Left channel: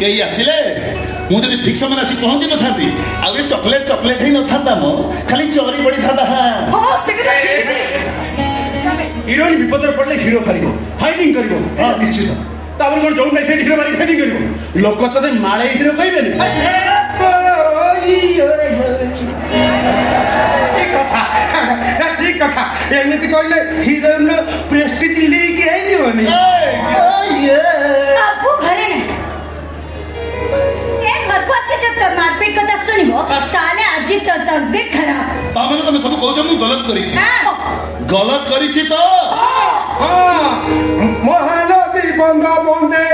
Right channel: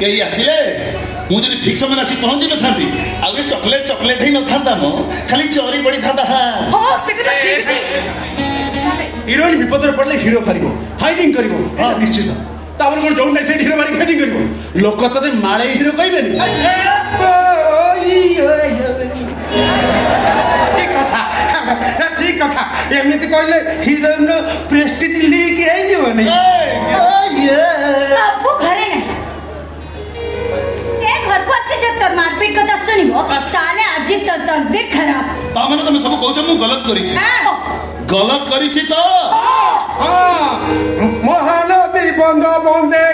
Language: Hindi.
कई आसिले मुझे ठीक समय आसी पहुंची न था आगे चॉकलेट चॉकलेट ही न था मो खाली चोरी पड़ी था हां से ठीक है हिरोइन विपदर पड़ले हिरो करिवो फाइटिंग करिवो हां निश्चित ताबल कोन जों नहीं हिरो मारी फाइटिंग करिवो लोक तते माळे हिरो कहबेन ठीक कथा एमती कहले हिरोइन प्रेस्टीज लेके आई जीवनी बाबू घरे नहीं ए घर को ऐसे जब मारपीट करता सुनिबो साले आज तो तबीयत खराब तामने तुम सब कहछ मु गलत करी छी गलत करी छी तो महानदी बंद बंदे